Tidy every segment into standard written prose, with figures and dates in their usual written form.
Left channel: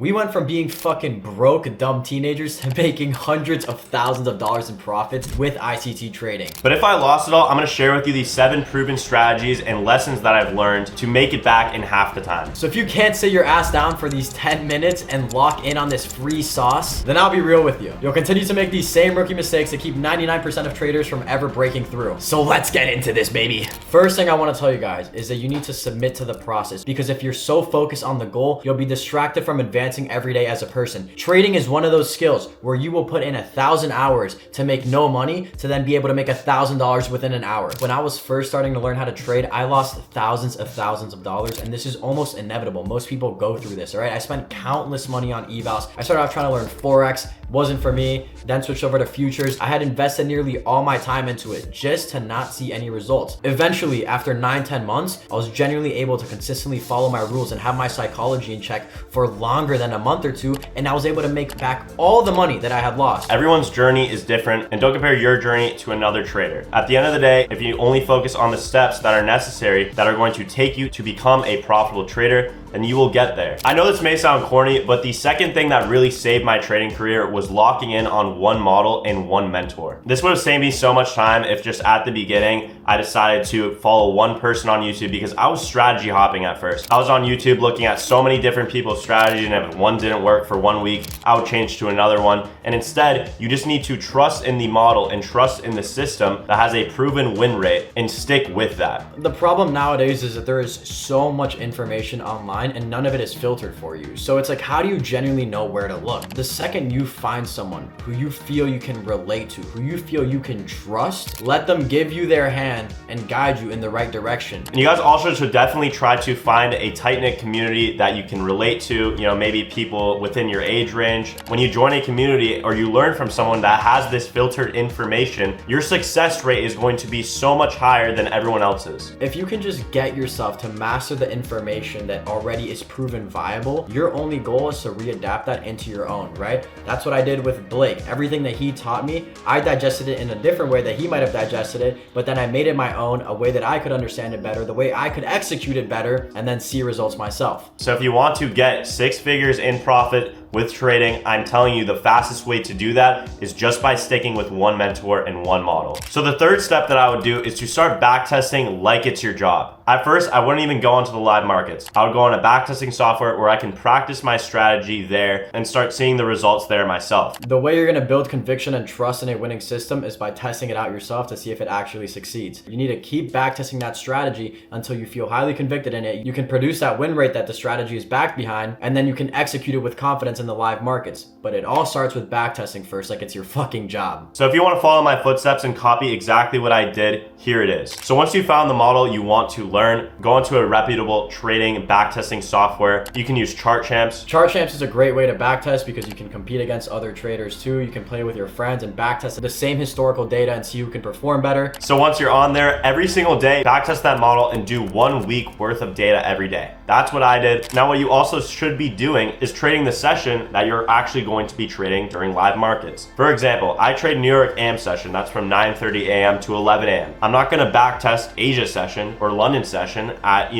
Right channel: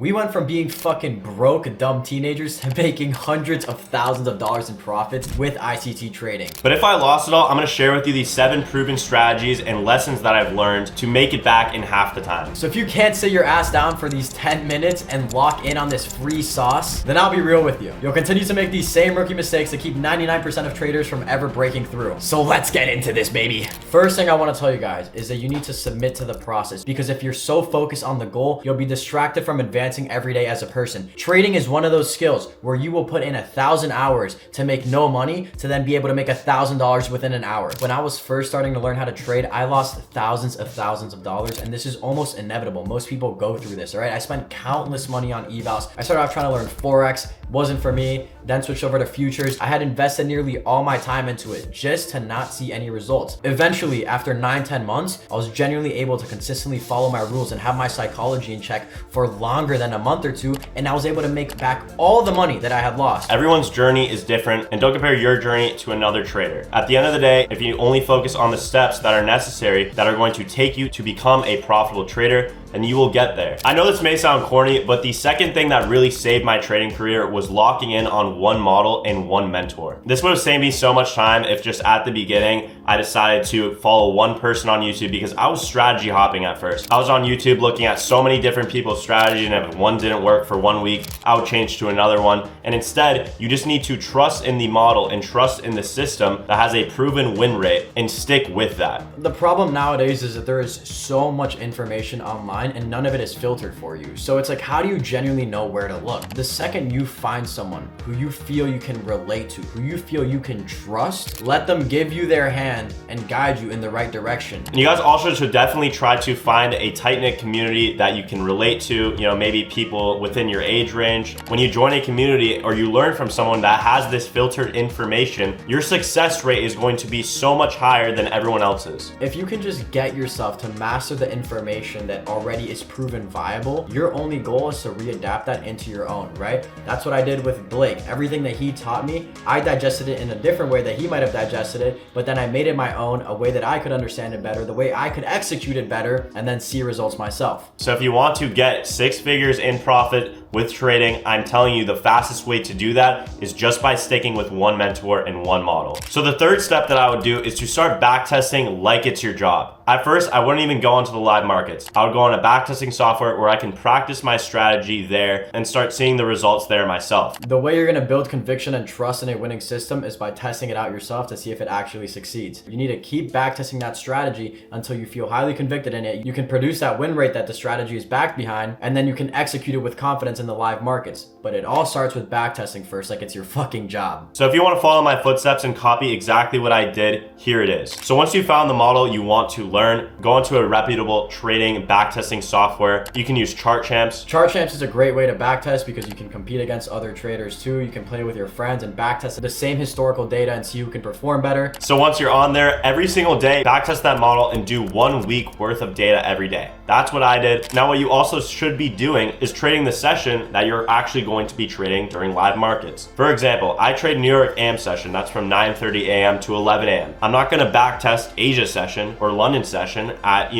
We went from being fucking broke, dumb teenagers to making hundreds of thousands of dollars in profits with ICT trading. But if I lost it all, I'm gonna share with you these 7 proven strategies and lessons that I've learned to make it back in half the time. So if you can't sit your ass down for these 10 minutes and lock in on this free sauce, then I'll be real with you. You'll continue to make these same rookie mistakes that keep 99% of traders from ever breaking through. So let's get into this, baby. First thing I want to tell you guys is that you need to submit to the process, because if you're so focused on the goal, you'll be distracted from advancing every day as a person. Trading is one of those skills where you will put in 1,000 hours to make no money to then be able to make $1,000 within an hour. When I was first starting to learn how to trade, I lost thousands of dollars, and this is almost inevitable. Most people go through this, all right? I spent countless money on evals. I started off trying to learn Forex, wasn't for me, then switched over to futures. I had invested nearly all my time into it just to not see any results. Eventually, after 9-10 months, I was genuinely able to consistently follow my rules and have my psychology in check for longer than a month or two, and I was able to make back all the money that I had lost. Everyone's journey is different, and don't compare your journey to another trader. At the end of the day, if you only focus on the steps that are necessary that are going to take you to become a profitable trader, and you will get there. I know this may sound corny, but the second thing that really saved my trading career was locking in on one model and one mentor. This would have saved me so much time if just at the beginning, I decided to follow one person on YouTube, because I was strategy hopping at first. I was on YouTube looking at so many different people's strategy, and if one didn't work for 1 week, I would change to another one. And instead, you just need to trust in the model and trust in the system that has a proven win rate and stick with that. The problem nowadays is that there is so much information online and none of it is filtered for you. So it's like, how do you genuinely know where to look? The second you find someone who you feel you can relate to, who you feel you can trust, let them give you their hand and guide you in the right direction. And you guys also should definitely try to find a tight-knit community that you can relate to, you know, maybe people within your age range. When you join a community or you learn from someone that has this filtered information, your success rate is going to be so much higher than everyone else's. If you can just get yourself to master the information that already is proven viable, your only goal is to readapt that into your own, right? That's what I did with Blake. Everything that he taught me, I digested it in a different way that he might have digested it, but then I made it my own, a way that I could understand it better, the way I could execute it better, and then see results myself. So if you want to get 6 figures in profit with trading, I'm telling you the fastest way to do that is just by sticking with one mentor and one model. So the third step that I would do is to start backtesting like it's your job. At first, I wouldn't even go onto the live markets. I would go on a backtesting software where I can practice my strategy there and start seeing the results there myself. The way you're gonna build conviction and trust in a winning system is by testing it out yourself to see if it actually succeeds. You need to keep backtesting that strategy until you feel highly convicted in it. You can produce that win rate that the strategy is backed behind, and then you can execute it with confidence in the live markets. But it all starts with backtesting first, like it's your fucking job. So if you want to follow my footsteps and copy exactly what I did, here it is. So once you found the model you want to learn, go into a reputable trading backtesting software. You can use ChartChamps. ChartChamps is a great way to backtest because you can compete against other traders too. You can play with your friends and backtest the same historical data and see who can perform better. So once you're on there, every single day, backtest that model and do 1 week worth of data every day. That's what I did. Now what you also should be doing is trading the session that you're actually going to be trading during live markets. For example, I trade New York AM session. That's from 9:30 a.m. to 11 a.m. I'm not going to backtest Asia session or London session at,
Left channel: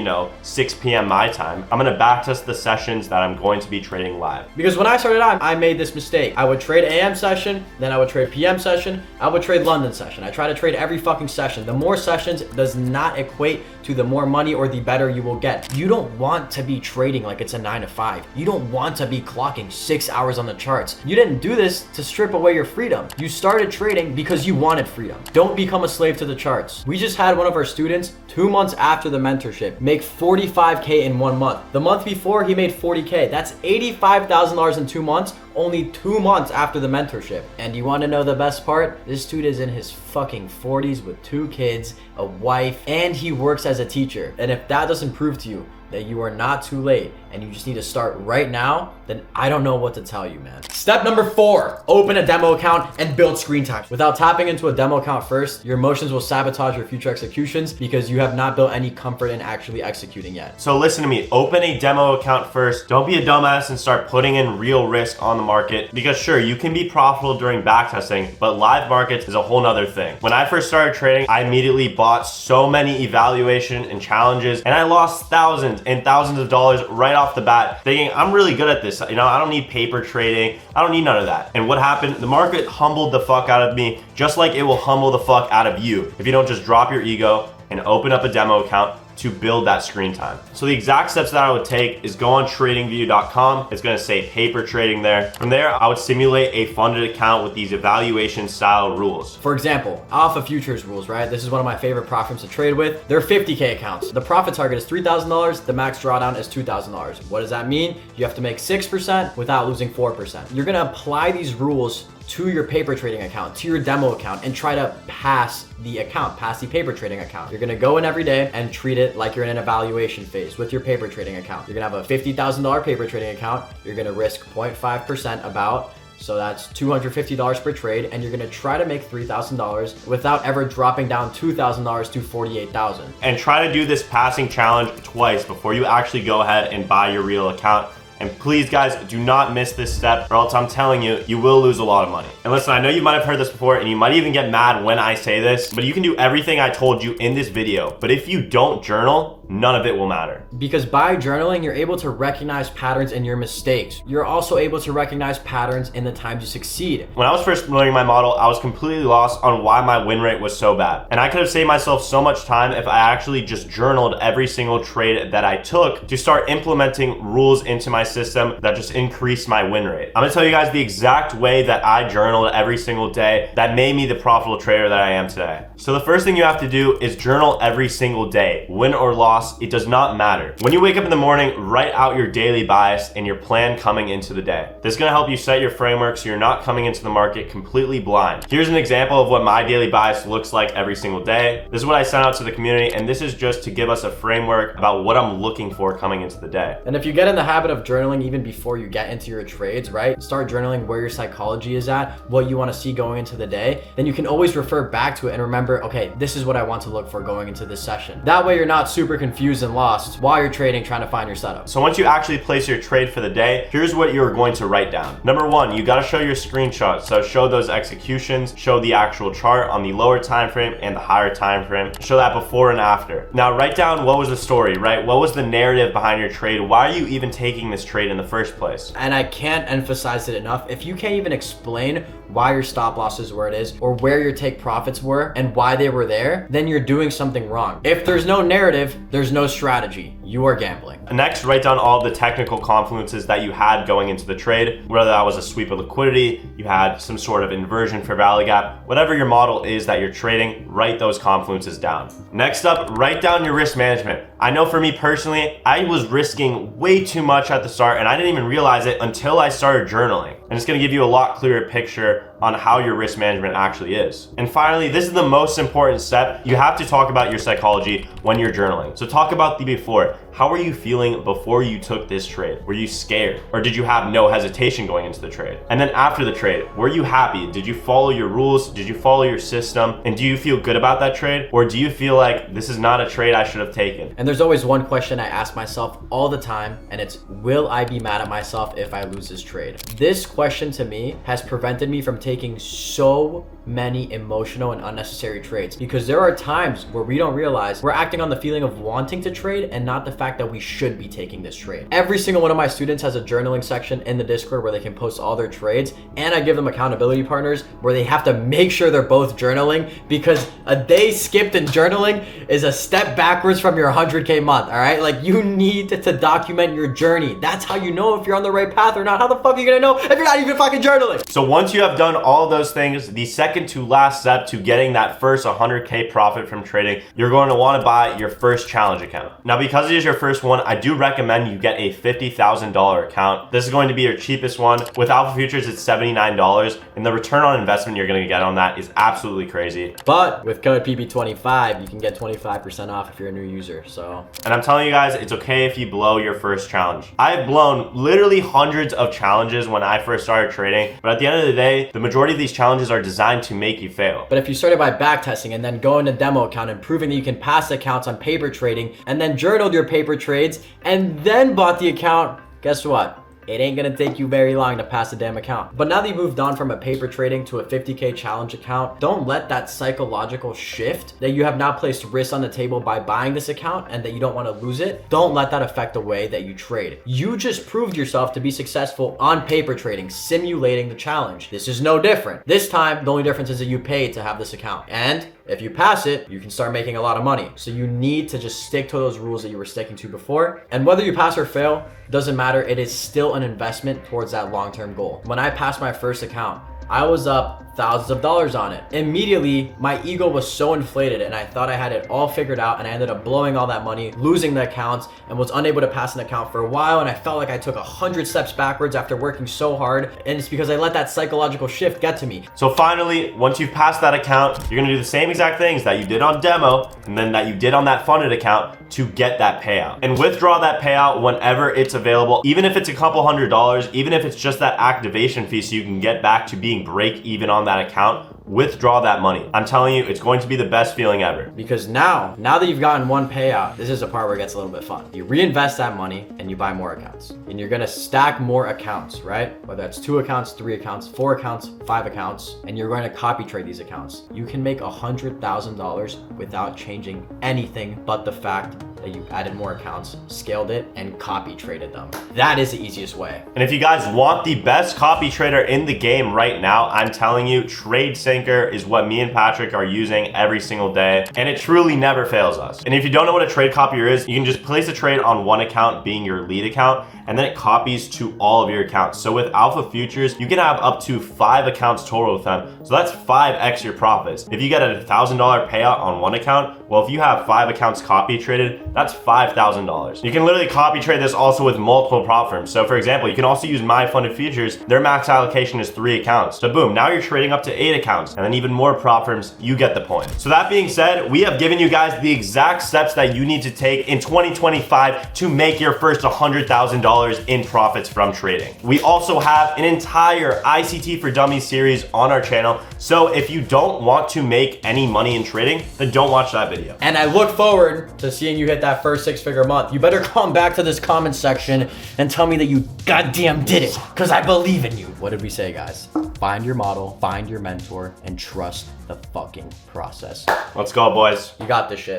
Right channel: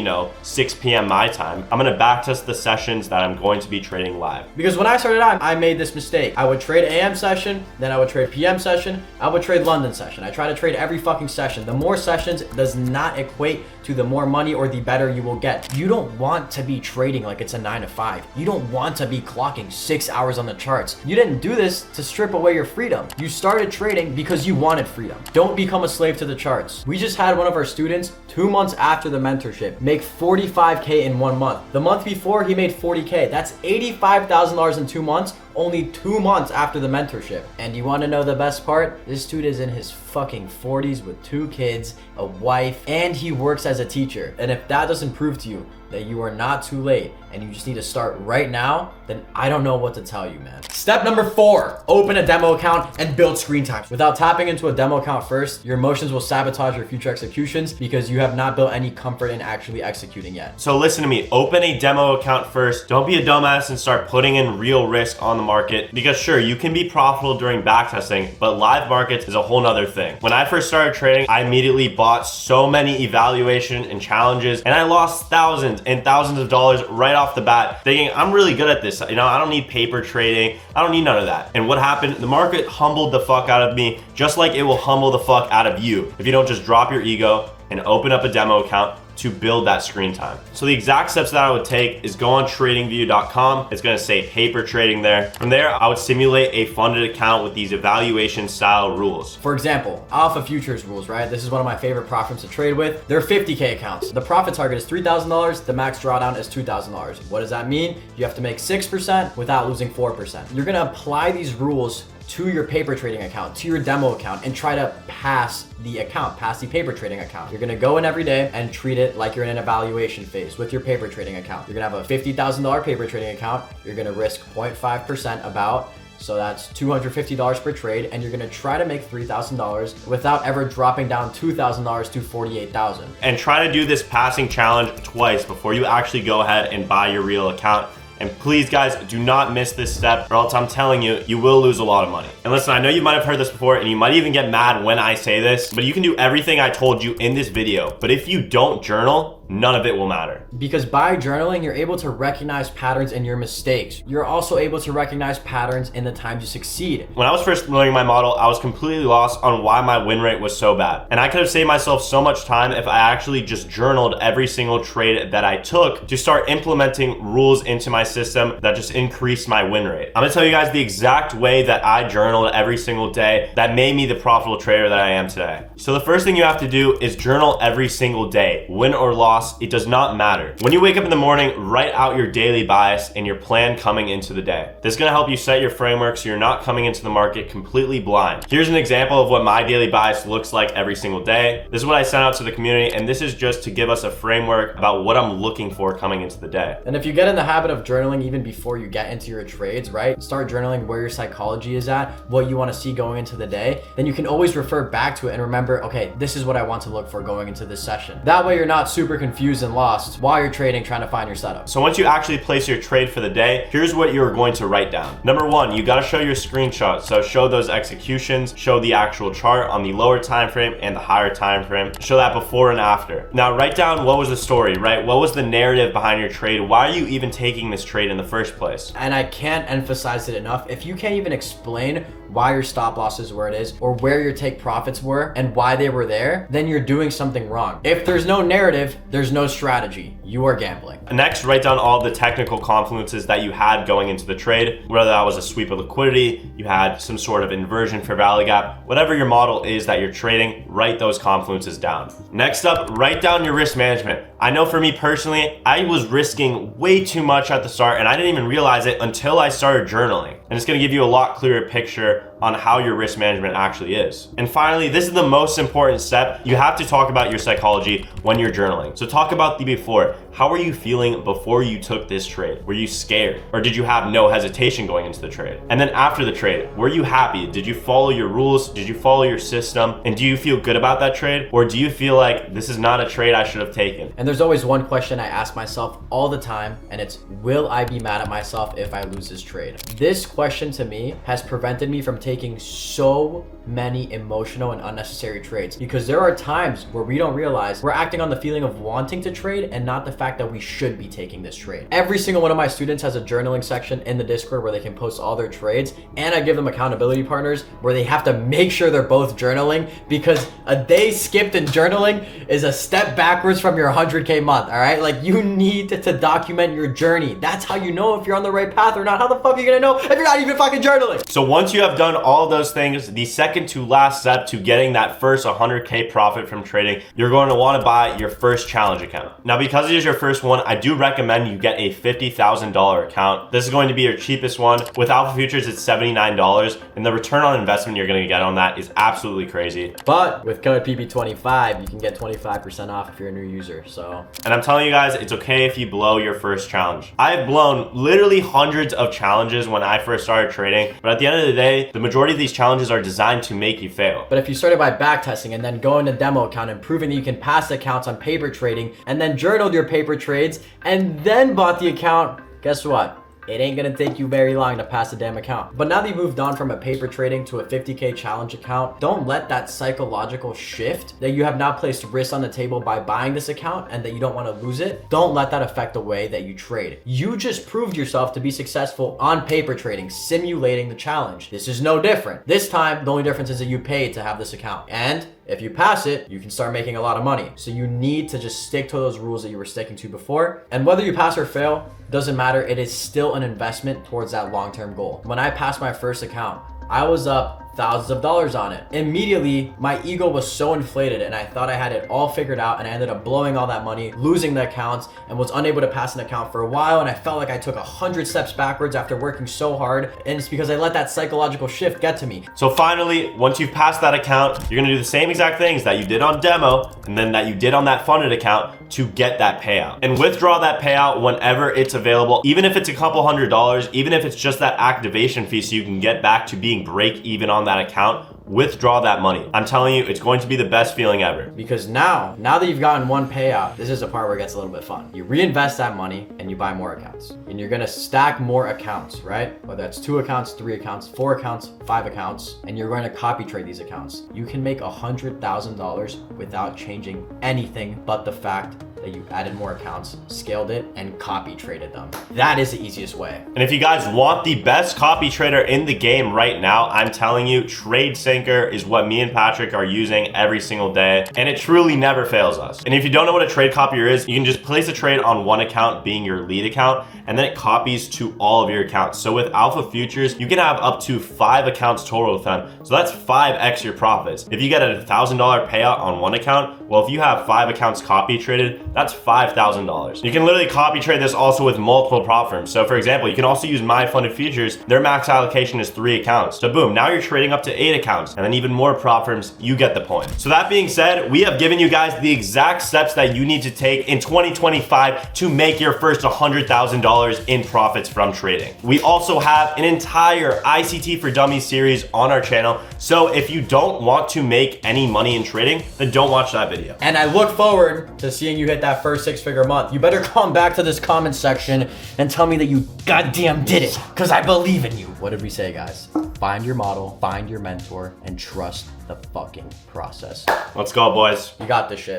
6 p.m. my time. I'm going to backtest the sessions that I'm going to be trading live. Because when I started out, I made this mistake. I would trade AM session, then I would trade PM session, I would trade London session. I try to trade every fucking session. The more sessions does not equate to the more money or the better you will get. You don't want to be trading like it's a 9 to 5. You don't want to be clocking 6 hours on the charts. You didn't do this to strip away your freedom. You started trading because you wanted freedom. Don't become a slave to the charts. We just had one of our students 2 months after the mentorship make $45K in 1 month. The month before he made $40K. That's $85,000 in 2 months, only 2 months after the mentorship. And you want to know the best part? This dude is in his fucking 40s with 2 kids, a wife, and he works as a teacher. And if that doesn't prove to you that you are not too late and you just need to start right now, then I don't know what to tell you, man. Step number 4, open a demo account and build screen time. Without tapping into a demo account first, your emotions will sabotage your future executions because you have not built any comfort in actually executing yet. So listen to me, open a demo account first. Don't be a dumbass and start putting in real risk on the market, because sure, you can be profitable during backtesting, but live markets is a whole nother thing. When I first started trading, I immediately bought so many evaluation and challenges, and I lost thousands and thousands of dollars right off the bat, thinking I'm really good at this. I don't need paper trading. I don't need none of that. And what happened? The market humbled the fuck out of me, just like it will humble the fuck out of you if you don't just drop your ego and open up a demo account to build that screen time. So the exact steps that I would take is go on tradingview.com. It's gonna say paper trading there. From there, I would simulate a funded account with these evaluation style rules. For example, AlphaFutures rules, right? This is one of my favorite prop firms to trade with. They're 50K accounts. The profit target is $3,000. The max drawdown is $2,000. What does that mean? You have to make 6% without losing 4%. You're gonna apply these rules to your paper trading account, to your demo account, and try to pass the paper trading account. You're gonna go in every day and treat it like you're in an evaluation phase with your paper trading account. You're gonna have a $50,000 paper trading account. You're gonna risk 0.5% about, so that's $250 per trade, and you're gonna try to make $3,000 without ever dropping down $2,000 to $48,000. And try to do this passing challenge twice before you actually go ahead and buy your real account. And please guys, do not miss this step, or else I'm telling you, you will lose a lot of money. And listen, I know you might have heard this before and you might even get mad when I say this, but you can do everything I told you in this video. But if you don't journal, none of it will matter. Because by journaling, you're able to recognize patterns in your mistakes. You're also able to recognize patterns in the times you succeed. When I was first learning my model, I was completely lost on why my win rate was so bad. And I could have saved myself so much time if I actually just journaled every single trade that I took to start implementing rules into my system that just increased my win rate. I'm gonna tell you guys the exact way that I journaled every single day that made me the profitable trader that I am today. So the first thing you have to do is journal every single day. Win or loss, it does not matter. When you wake up in the morning, write out your daily bias and your plan coming into the day. This is gonna help you set your framework so you're not coming into the market completely blind. Here's an example of what my daily bias looks like every single day. This is what I sent out to the community, and this is just to give us a framework about what I'm looking for coming into the day. And if you get in the habit of journaling even before you get into your trades, right? Start journaling where your psychology is at, what you want to see going into the day, then you can always refer back to it and remember, okay, this is what I want to look for going into this session. That way you're not super confused and lost while you're trading, trying to find your setup. So once you actually place your trade for the day, here's what you're going to write down. Number one, you got to show your screenshots. So show those executions, show the actual chart on the lower time frame and the higher time frame. Show that before and after. Now write down what was the story, right? What was the narrative behind your trade? Why are you even taking this trade in the first place? And I can't emphasize it enough. If you can't even explain why your stop loss is where it is or where your take profits were and why they were there, then you're doing something wrong. If there's no narrative, there's no strategy. You are gambling. Next, write down all the technical confluences that you had going into the trade, whether that was a sweep of liquidity, you had some sort of inversion for value gap, whatever your model is that you're trading, write those confluences down. Next up, write down your risk management. I know for me personally, I was risking way too much at the start and I didn't even realize it until I started journaling. And it's gonna give you a lot clearer picture on how your risk management actually is. And finally, this is the most important step. You have to talk about your psychology when you're journaling. So talk about the before. How were you feeling before you took this trade? Were you scared? Or did you have no hesitation going into the trade? And then after the trade, were you happy? Did you follow your rules? Did you follow your system? And do you feel good about that trade? Or do you feel like this is not a trade I should have taken? And there's always one question I ask myself all the time, and it's, will I be mad at myself if I lose this trade? This question to me has prevented me from taking so many emotional and unnecessary trades, because there are times where we don't realize we're acting on the feeling of wanting to trade and not the fact that we should be taking this trade. Every single one of my students has a journaling section in the Discord where they can post all their trades, and I give them accountability partners where they have to make sure they're both journaling, because a day skipped in journaling is a step backwards from your 100K month. All right, like you need to document your journey. That's how you know if you're on the right path or not. How the fuck are you gonna know if you're not even fucking journaling? So once you have done all of those things, the second to last step to getting that first 100K profit from trading, you're going to want to buy your first challenge account. Now, because it is your first one, I do recommend you get a $50,000 account. This is going to be your cheapest one. With AlphaFutures, it's $79, and the return on investment you're going to get on that is absolutely crazy. But with code PB25, you can get 25% off if you're a new user. So, and I'm telling you guys, it's okay if you blow your first challenge. I've blown literally hundreds of challenges when I first started trading, but at the end of the day, the majority of these challenges are designed to make you fail. But if you started by backtesting and then going to demo account and proving that you can pass accounts on paper trading and then journaled your paper trades and then bought the account, guess what? it ain't gonna take you very long to pass the damn account. But now that you moved on from a paper trading to a 50K challenge account, don't let that psychological shift that you have now placed risk on the table by buying this account and that you don't want to lose it, don't let that affect the way that you trade. You just proved yourself to be successful on paper trading, simulating the challenge. This is no different. This time, the only difference is that you paid to have this account. And if you pass it, you can start making a lot of money. So you need to just stick to those rules that you were sticking to before. And whether you pass or fail, doesn't matter. It is still an investment towards that long-term goal. When I passed my first account, I was up thousands of dollars on it. Immediately, my ego was so inflated and I thought I had it all figured out, and I ended up blowing all that money, losing the accounts, and was unable to pass an account for a while, and I felt like I took 100 steps backwards after working so hard, and it's because I let that psychological shift get to me. So finally, once you've passed that account, you're gonna do the same exact things that you did on demo and then that you did on that funded account to get that payout. And withdraw that payout whenever it's available, even if it's a couple $100, even if it's just that activation fee so you can get back to being break even on that account. Withdraw that money. I'm telling you, it's going to be the best feeling ever. Because now that you've gotten one payout, this is the part where it gets a little bit fun. You reinvest that money and you buy more accounts. And you're gonna stack more accounts, right? Whether that's 2 accounts, 3 accounts, 4 accounts, 5 accounts, and you're going to copy trade these accounts. You can make $100,000 without changing anything but the fact that you added more accounts, scaled it, and copy traded them. That is the easiest way. And if you guys want the best copy trader in the game right now, I'm telling you, TradeSyncer is what me and Patrick are using every single day, and it truly never fails us. And if you don't know what a trade copier is, you can just place a trade on one account being your lead account, and then it copies to all of your accounts. So with AlphaFutures, you can have up to 5 accounts total with them. So that's 5x your profits. If you get a $1,000 payout on one account, well, if you have 5 accounts copy traded, that's $5,000. You can literally copy trade this also with multiple prop firms. So for example, you can also use MyFundedFutures. Their max allocation is 3 accounts. So boom, now you're trading up to 8 accounts, and then even more prop firms. You get the point. So that being said, we have given you guys the exact steps that you need to take in 2025 to make your first $100,000 in profits from trading. We also have an entire ICT for Dummies series on our channel. So if you don't want to make any money in trading, then don't watch that video. And I look forward to seeing you hit that first 6-figure month. You better come back to this comment section and tell me that you goddamn did it, because I believe in you. What did we say, guys? Find your model, find your mentor, and trust the fucking process. Let's go, boys. You got this shit.